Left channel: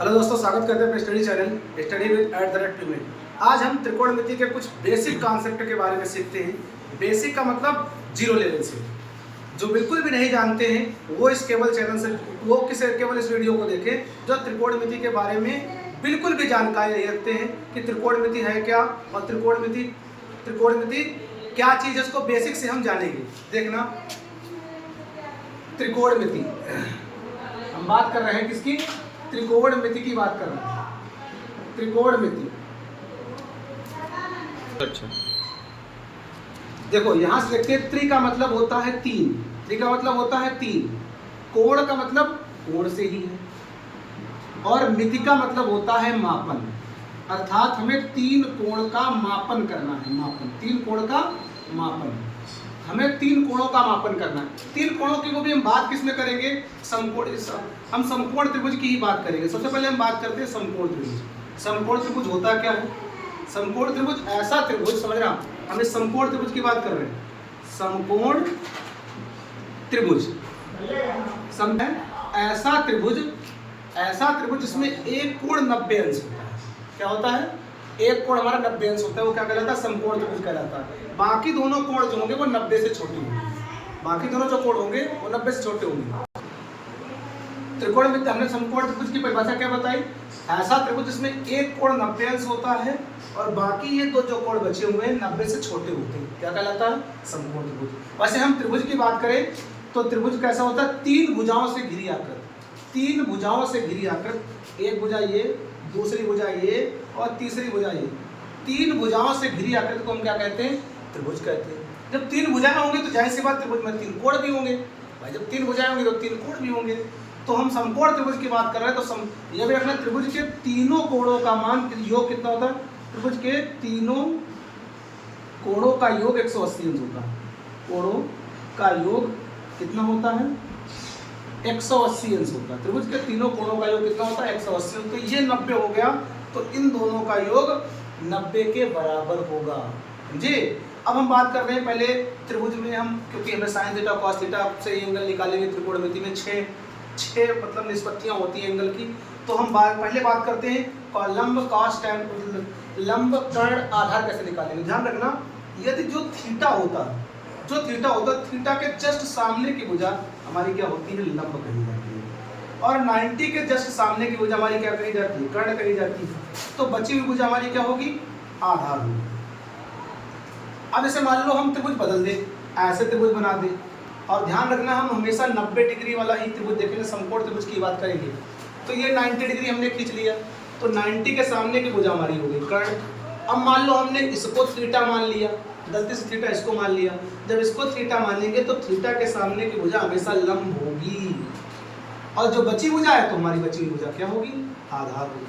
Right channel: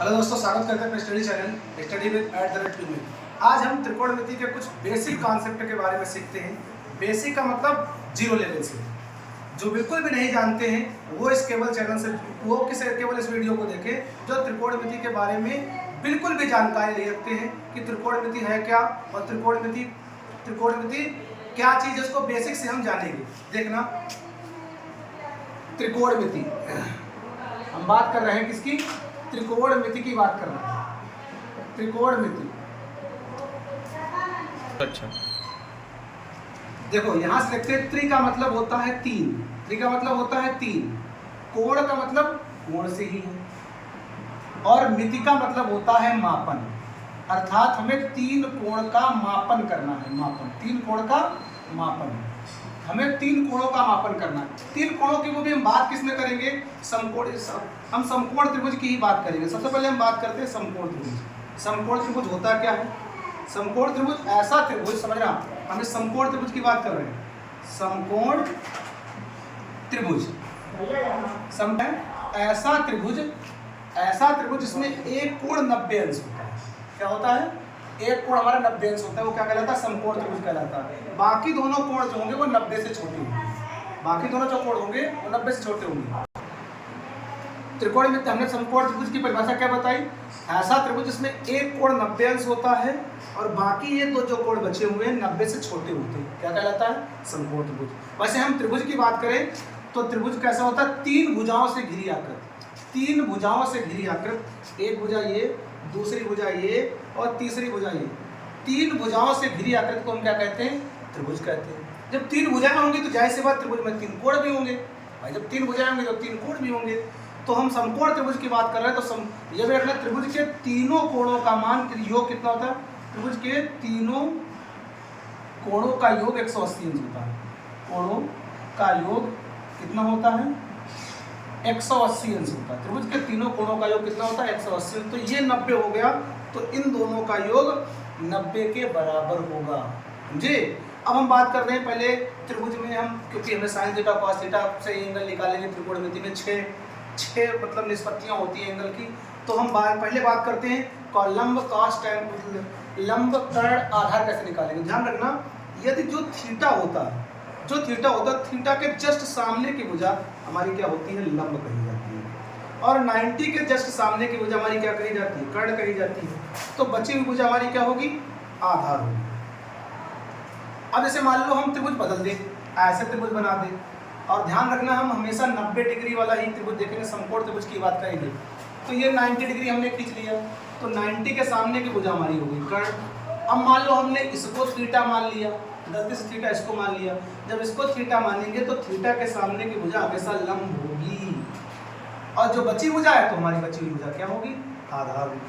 Hello दोस्तों, स्वागत करते हैं अपने स्टडी चैनल स्टडी विद @. आज हम त्रिकोणमिति के कुछ बेसिक कॉन्सेप्ट के बारे में सीखते हैं। बेसिक का मतलब जीरो लेवल से। जो बिल्कुल भी नहीं जानते हैं वो इस केवल चैनल से केवल इस वीडियो को देखें जो त्रिकोणमिति के बारे में बिल्कुल भी जानकारी नहीं रखते हैं कि त्रिकोणमिति है क्या और त्रिकोणमिति क्या चीज़ है, उसको बेसिक से हम जानेंगे। देखना, त्रिकोणमिति हम बात कर रहे हैं किसकी? त्रिकोणमिति की बात कर रहे हैं। त्रिकोणमिति, अच्छा देखो यहाँ से देखते हैं। त्रि का मतलब होता है तीन, त्रि का मतलब होता है तीन, कोण का मतलब कोण से ही है, और मिति का मतलब होता है मापन। अर्थात हमें तीन कोण का मापन करना है। मापन, तीन कोण का मापन, हमें तीन कोणों का मापन करना है। तीन कोणों की वो भी हम बात किस में करेंगे? समकोण। हम समकोण त्रिभुज की ही बात करेंगे। सबसे पहले हम बात करते हैं समकोण त्रिभुज। समकोण त्रिभुज होता क्या है? समकोण त्रिभुज ऐसा त्रिभुज, समझ रहे आप, हम इस समकोण त्रिभुज की बात कर रहे हैं। समकोण त्रिभुज ऐसा त्रिभुज जिसमें एक कोण 90 अंश होता है। क्या होता है? एक कोण हमारा 90 अंश होता है, वो क्या कहलाता है? समकोण त्रिभुज कहलाता है। बाकी दोनों कोण जो होंगे वो 90 से छोटे होंगे। बाकी दोनों जो कोण होंगे वो 90 से छोटे होंगे। त्रिकोणमिति, हमने समकोण त्रिभुज की परिभाषा क्या बताई? ऐसा त्रिभुज जिसमें एक कोण 90 अंश होता है और बाकी ये दो जो कोण बचे हुए हैं 90 से छोटे होते हैं। क्या कहलाता है? समकोण त्रिभुज। वैसे हम त्रिभुज की बात करें तो त्रिभुज कैसा होता है? तीन भुजाओं से घिरी आकृत। तीन भुजाओं से घिरी आकृत, एक भुजा ये, दूसरी भुजा ये और तीसरी भुजा ये। तीन भुजाओं से घिरी आकृत को हम क्या कहते हैं? त्रिभुज कहते हैं। जब तीन भुजाएं होंगी तो जाहिर सी बात त्रिभुज में तीन कोण भी होंगे। भाई जब तीन भुजाएं होंगी तो तीन कोण भी होंगे। तो हम समकोण त्रिभुज की बात कर रहे हैं तो ये भी रखना, त्रिभुज के तीनों कोणों का मान योग कितना होता है? त्रिभुज के तीनों कोणों का योग 180 अंश होता है। कोणों का योग कितना होता है? 180 अंश होता है। त्रिभुज के तीनों कोणों का योग कितना होता है? 180 अंश। तो ये 90 हो गया, तो इन दोनों का योग 90 के बराबर होगा। समझे? अब हम बात कर रहे हैं पहले त्रिभुज में हम, क्योंकि हमें साइन थीटा कॉस थीटा से एंगल निकालेंगे। त्रिकोणमिति में छह मतलब निष्पत्तियां होती है एंगल की। तो हम पहले बात करते हैं लंब कॉस टैन, लंब कर्ण आधार कैसे निकालेंगे। ध्यान रखना, यदि जो थीटा होता है थीटा के जस्ट सामने की भुजा हमारी क्या होती है? लंब कही जाती है। और 90 के जस्ट सामने की भुजा हमारी क्या कही जाती है? कर्ण कही जाती है। तो बची हुई भुजा हमारी क्या होगी? आधार होगी। अब जैसे मान लो हम त्रिभुज बदल दें, ऐसे त्रिभुज बना दें, और ध्यान रखना हम हमेशा 90 डिग्री वाला ही त्रिभुज देखेंगे। समकोण त्रिभुज की बात करेंगे तो ये 90 डिग्री हमने खींच लिया, तो 90 के सामने की भुजा हमारी हो गई कर्ण। अब मान लो हमने इसको थीटा मान लिया, गलती से थीटा इसको मान लिया। जब इसको थीटा मानेंगे तो थीटा के सामने की भुजा हमेशा लंब होगी, और जो बची भुजा है तो हमारी बची हुई भुजा क्या होगी? आधार होगी।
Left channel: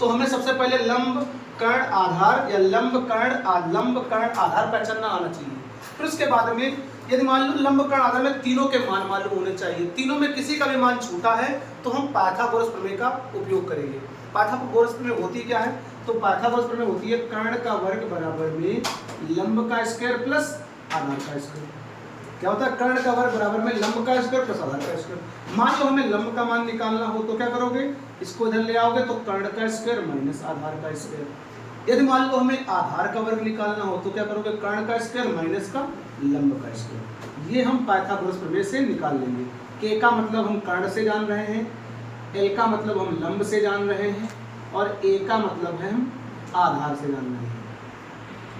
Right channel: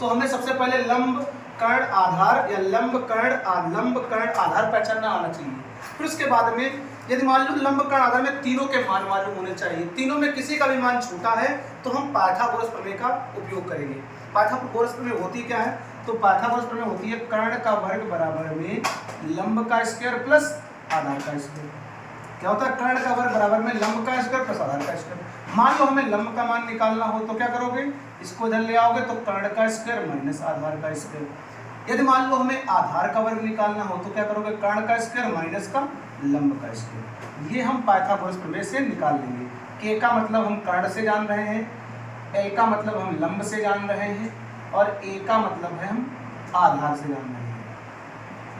तो हमें सबसे पहले लंब कर्ण आधार या लंब कर्ण आधार पहचानना आना चाहिए। फिर उसके बाद में यदि मान लो लंब कर्ण आधार में तीनों के मान मालूम होने चाहिए। तीनों में किसी का भी मान छोटा है तो हम पाइथागोरस प्रमेय का उपयोग करेंगे। पाइथागोरस प्रमेय होती क्या है? तो पाइथागोरस प्रमेय होती है कर्ण का वर्ग बराबर में लंब का स्क्वायर प्लस आधार का स्क्वायर। क्या होता है? कर्ण का वर्ग बराबर में लंब का स्क्वायर प्लस आधार का स्क्वायर। मान लो हमें लंब का मान निकालना हो तो क्या करोगे? इसको इधर ले आओगे तो कर्ण का स्क्वायर माइनस आधार का स्क्वायर। यदि मान लो हमें आधार का वर्ग निकालना हो तो क्या करोगे? कर्ण का स्क्वायर माइनस का लंब का स्क्वायर। ये हम पाइथागोरस प्रमेय से निकाल लेंगे। के का मतलब हम कर्ण से जान रहे हैं, एल का मतलब हम लंब से जान रहे हैं, और ए का मतलब है हम आधार से जान रहे हैं।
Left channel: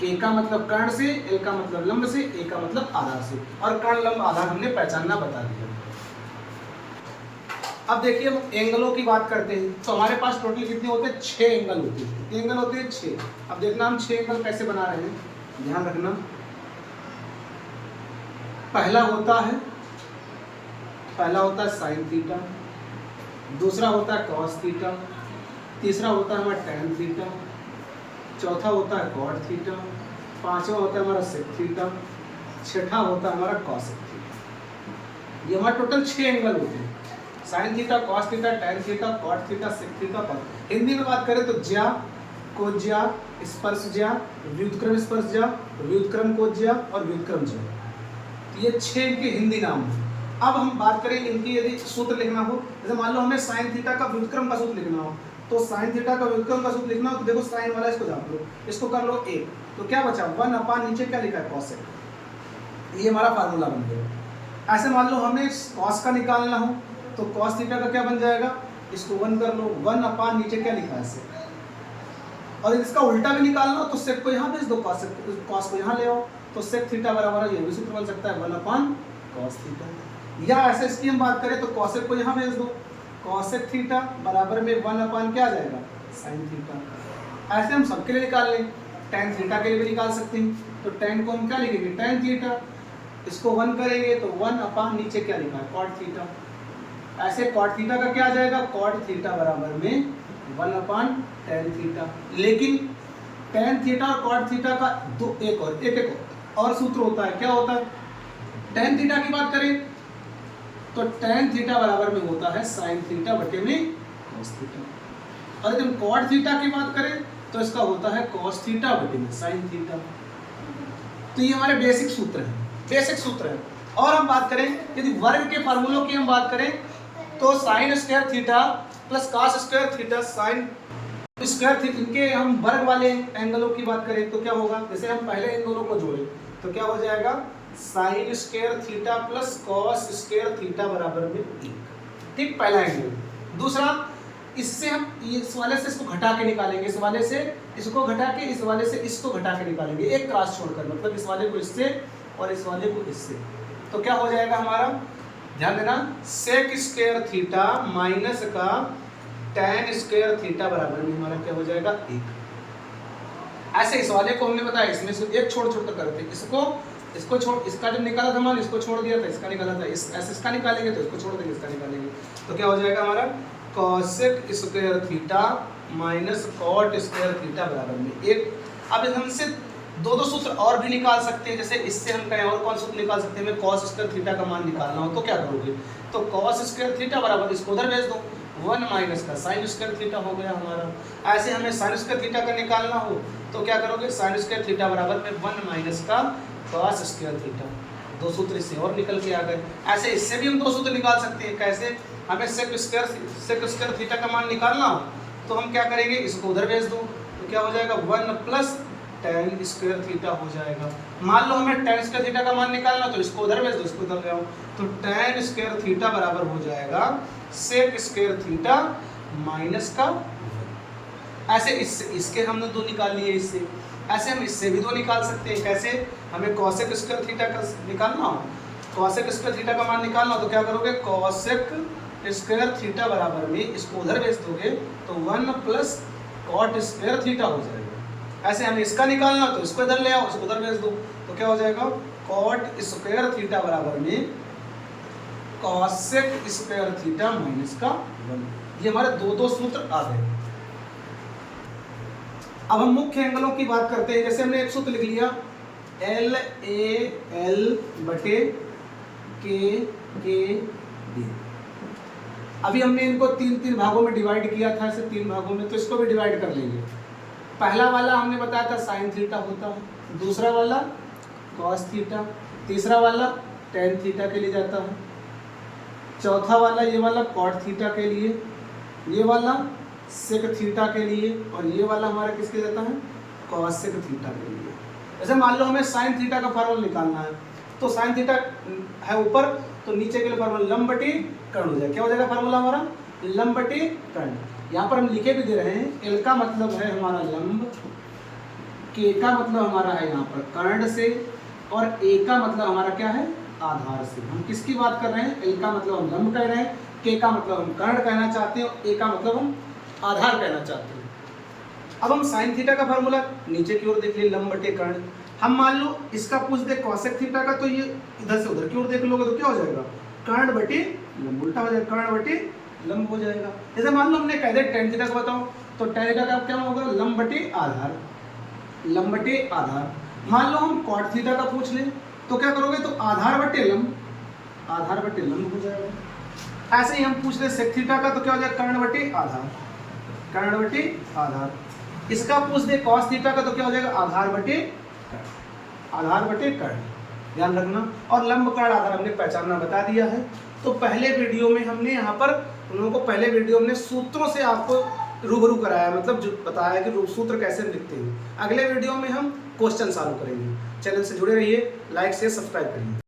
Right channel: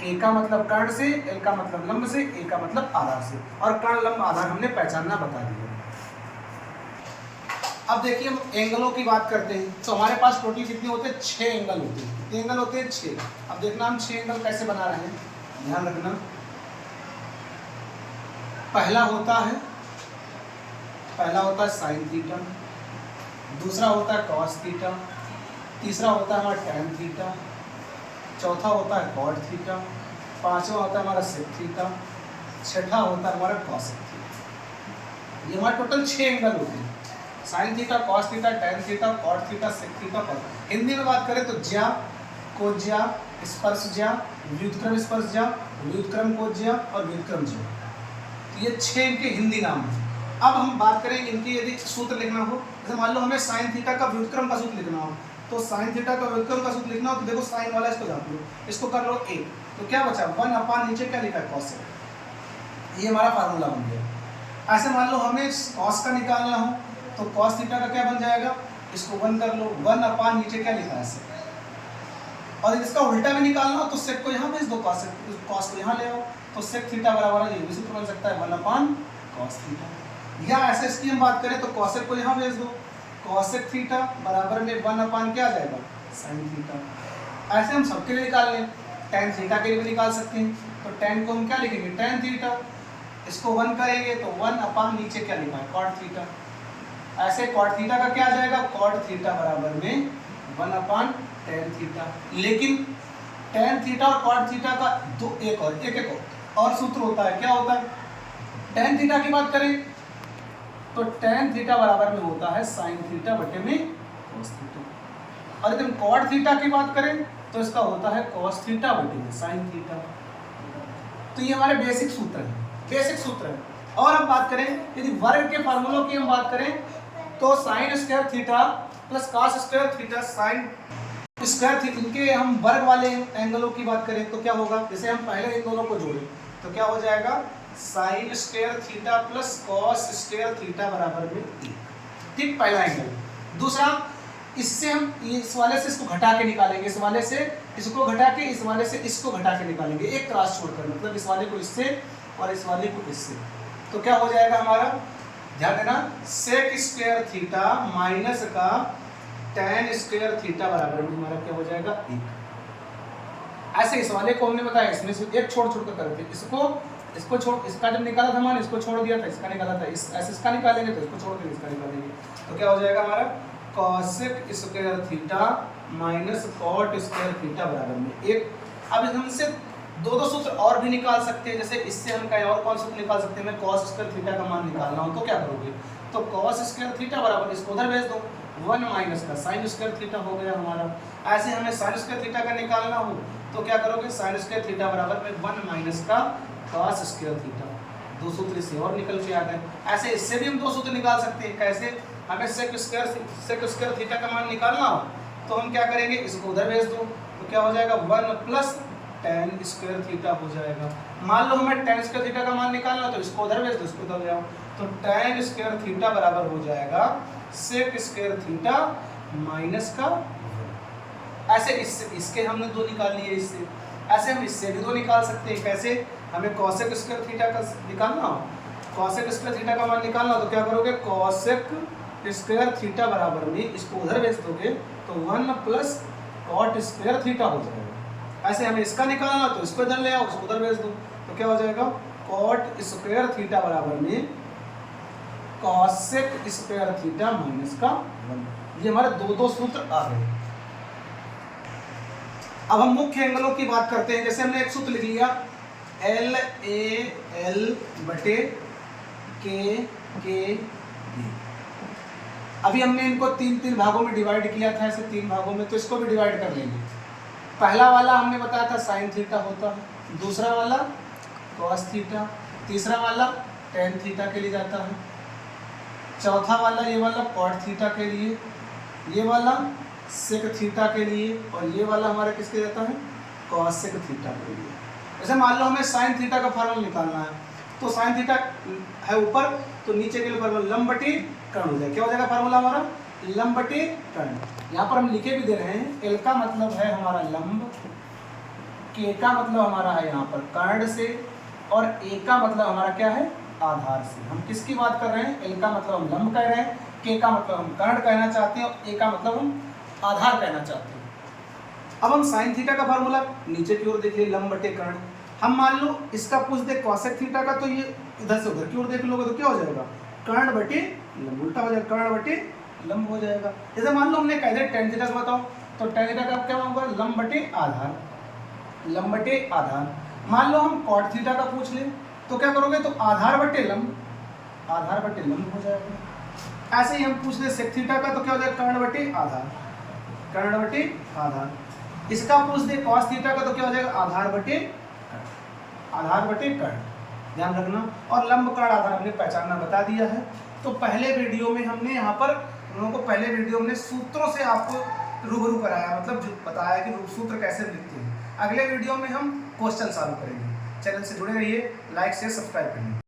के का मतलब कर्ण से, एल का मतलब लंब से, ए का मतलब आधार से, और कर्ण लंब आधार हमने पहचानना बता दिया। अब देखिए हम एंगलों की बात करते हैं तो हमारे पास टोटल कितने होते हैं? 6 एंगल होते हैं। कितने एंगल होते हैं? 6। अब देखना हम 6 एंगल कैसे बना रहे हैं, ध्यान रखना। पहला होता है साइन थीटा, दूसरा होता है कॉस थीटा, तीसरा होता है हमारा टैन थीटा, चौथा होता है कॉट थीटा, पांचवा होता है हमारा सेक थीटा, छठा होता है हमारा कॉसेक थीटा। ये हमारे टोटल 6 एंगल होते हैं। Sine theta, cos theta, tan theta, cot theta, sec theta, cot. Hindi में बात करें तो ज्या, कोज्या, स्पर्श ज्या, व्युत्क्रम स्पर्श ज्या, व्युत्क्रम कोज्या और व्युत्क्रम ज्या। ये 6 इनके हिंदी नाम हैं। अब हम बात करें इनकी, यदि सूत्र लिखना हो, जैसे मान लो हमें साइन थीटा का व्युत्क्रम का सूत्र लिखना हो, तो साइन थीटा का व्युत्क्रम का सूत्र लिखना हो तो देखो साइन वाला इसको जान लो, इसको कर लो 1, तो क्या बचा 1 अपान नीचे क्या लिखा है कॉसेक, ये हमारा फार्मूला बन गया। ऐसे मान लो हमें कॉस का निकालना हो तो कॉस थीटा का क्या बन जाएगा, इसको 1 कर लो, 1 अपान नीचे क्या लिखा है सेक, और इसका उल्टा भी निकालना हो तो सेक को यहाँ भेज दो, कॉस को यहाँ ले आओ, तो सेक थीटा बराबर ये भी सूत्र बन सकता है 1 अपान कॉस थीटा। या ऐसे इसकी हम बात करें तो कॉसेक को यहाँ भेज दो, कॉसेक थीटा बराबर में 1 अपान क्या आ जाएगा साइन थीटा। ऐसे हम सबके लिए निकाल लें, टेन थीटा के लिए भी निकाल सकते हैं, तो टेन को हम क्या लिखेंगे टेन थीटा, इसको 1 करेंगे तो 1 अपान नीचे क्या लिखा है कॉट थीटा। ऐसे कॉट थीटा का क्या आ जाएगा कॉट थीटा बराबर में 1 अपान टेन थीटा। लेकिन टेन थीटा और कॉट थीटा का एक और सूत्र होता है, क्या होता है, टेन थीटा की बात करें तो टेन थीटा बराबर में होता है साइन थीटा बटे में कॉस थीटा, और यदि हम कॉट थीटा की बात करें तो इसका होता है कॉस थीटा बटे में साइन थीटा। तो ये हमारे बेसिक सूत्र है। और हम बात करें यदि वर्ग के फार्मूलों की हम बात करें तो sine square theta plus cos square theta sine square theta, इनके हम वर्ग वाले एंगलों की बात करें तो क्या होगा, जैसे हम पहले इन दोनों को जोड़ें तो क्या हो जाएगा sine square theta plus cos square theta बराबर में 1, ठीक, पहला एंगल। दूसरा, इससे हम इस वाले से इसको घटा के निकालेंगे, इस वाले से इसको घटा के, इस वाले से इसको घटा के निकालेंगे, एक क्रॉस छोड़कर, मतलब इस वाले को इससे और इस वाले को इससे, तो क्या हो जाएगा हमारा, ध्यान देना, सेक स्क्वायर थीटा माइनस का टेन स्क्वायर थीटा बराबर में हमारा क्या हो जाएगा 1। ऐसे इस वाले को हमने बताया इसमें से एक छोड़ कर करते, इसको छोड़, इसका जब निकाला था हमारे, इसको छोड़ दिया था, इसका निकाला था, ऐसे इसका निकालेंगे तो इसको छोड़ देंगे, इसका निकालेंगे, तो क्या हो जाएगा हमारा cosec square theta minus cot square theta बराबर में 1। अब हमसे दो सूत्र और भी निकाल सकते हैं, जैसे इससे हम कहीं और कौन सूत्र निकाल सकते हैं, हमें कॉस स्क्वायर थीटा का मान निकालना हो तो क्या करोगे, तो कॉस स्क्वायर थीटा बराबर इसको उधर भेज दो, 1 माइनस का साइन स्क्वायर थीटा हो गया हमारा। ऐसे हमें साइन स्क्वायर थीटा का निकालना हो तो क्या करोगे, साइन स्क्वायर थीटा बराबर में 1 माइनस का कॉस स्क्वायर थीटा, दो सूत्र इससे और निकल के आ गए। ऐसे इससे भी हम दो सूत्र निकाल सकते हैं, कैसे, हमें सेक स्क्वायर थीटा का मान निकालना हो तो हम क्या करेंगे, इसको उधर भेज दो तो क्या हो जाएगा 1 प्लस टेन स्क्वायर थीटा हो जाएगा। मान लो हमें टेन स्क्वायर थीटा का मान निकालना हो तो इसको उधर भेज दो, इसको उधर ले आओ, तो टेन स्क्वायर थीटा बराबर हो जाएगा सेक स्क्वायर थीटा माइनस का, ऐसे इसके हमने दो निकाल लिए इससे, ऐसे हम इससे भी दो निकाल सकते हैं, कैसे, हमें कॉसेक स्क्वायर थीटा का निकालना हो, कॉसेक स्क्वायर थीटा का मान निकालना हो तो क्या करोगे, कॉसेक स्क्वायर थीटा बराबर में इसको उधर भेज दोगे तो 1 प्लस कॉट स्क्वायर थीटा हो जाएगा। ऐसे हमें इसका निकालना हो तो इसको इधर ले आओ, इसको उधर भेज दो तो क्या हो जाएगा, कॉट स्क्वायर थीटा बराबर में कॉसेक स्क्वायर थीटा माइनस का 1। ये हमारे दो सूत्र आ गए। अब हम मुख्य एंगलों की बात करते हैं, जैसे हमने एक सूत्र लिख लिया LAL बटे KKB। अभी हमने इनको तीन भागों में डिवाइड किया था, ऐसे 3 भागों में, तो इसको भी डिवाइड कर लेंगे। पहला वाला हमने बताया था साइन थीटा होता है, दूसरा वाला कॉस थीटा, तीसरा वाला टेन थीटा के लिए जाता है, चौथा वाला ये वाला कॉट थीटा के लिए, ये वाला सेक थीटा के लिए, और ये वाला हमारा किसके जाता है कॉसेक थीटा के लिए। जैसे मान लो हमें साइन थीटा का फार्मूला निकालना है, तो साइन थीटा है ऊपर तो नीचे के लिए फार्मूला लंब बटे कर्ण हो जाएगा, क्या हो जाएगा फार्मूला हमारा लंब बटे कर्ण। यहाँ पर हम लिखे भी दे रहे हैं, एल का मतलब है हमारा लंब, के का मतलब हमारा है यहाँ पर कर्ण से, और ए का मतलब हमारा क्या है आधार से। हम किसकी बात कर रहे हैं, एल का मतलब हम लंब कह रहे हैं, के का मतलब हम कर्ण कहना चाहते हैं, और ए का मतलब हम आधार कहना चाहते हैं। अब हम साइन थीटा का फार्मूला नीचे की ओर देख लिए, लंब बटे कर्ण। हम मान लो इसका पूछ दे कॉसेक थीटा का, तो ये इधर से उधर की ओर देख लोगे तो क्या हो जाएगा, कर्ण बटे लंब, उल्टा हो जाएगा, कर्ण बटे लंब हो जाएगा। जैसे मान लो हमने कह दिया टेन थीटा का बताओ, तो टेन थीटा का क्या होगा, लंब बटे आधार, लंब बटे आधार। मान लो हम कॉट थीटा का पूछ ले तो क्या करोगे, तो आधार बटे लंब, आधार बटे लंब हो जाएगा। ऐसे ही हम पूछ ले सेक थीटा का, तो क्या हो जाएगा कर्ण बटे आधार, कर्ण बटे आधार। इसका पूछ दे कॉस थीटा का, तो क्या हो जाएगा आधार बटे कर्ण, आधार बटे कर्ण, ध्यान रखना। और लंब कर्ण आधार हमने पहचानना बता दिया है। तो पहले वीडियो में हमने यहाँ पर उन लोगों को पहले वीडियो में सूत्रों से आपको रूबरू कराया, मतलब जो बताया कि सूत्र कैसे लिखते हैं। अगले वीडियो में हम क्वेश्चन सॉल्व करेंगे। चैनल से जुड़े रहिए, लाइक शेयर सब्सक्राइब करिए।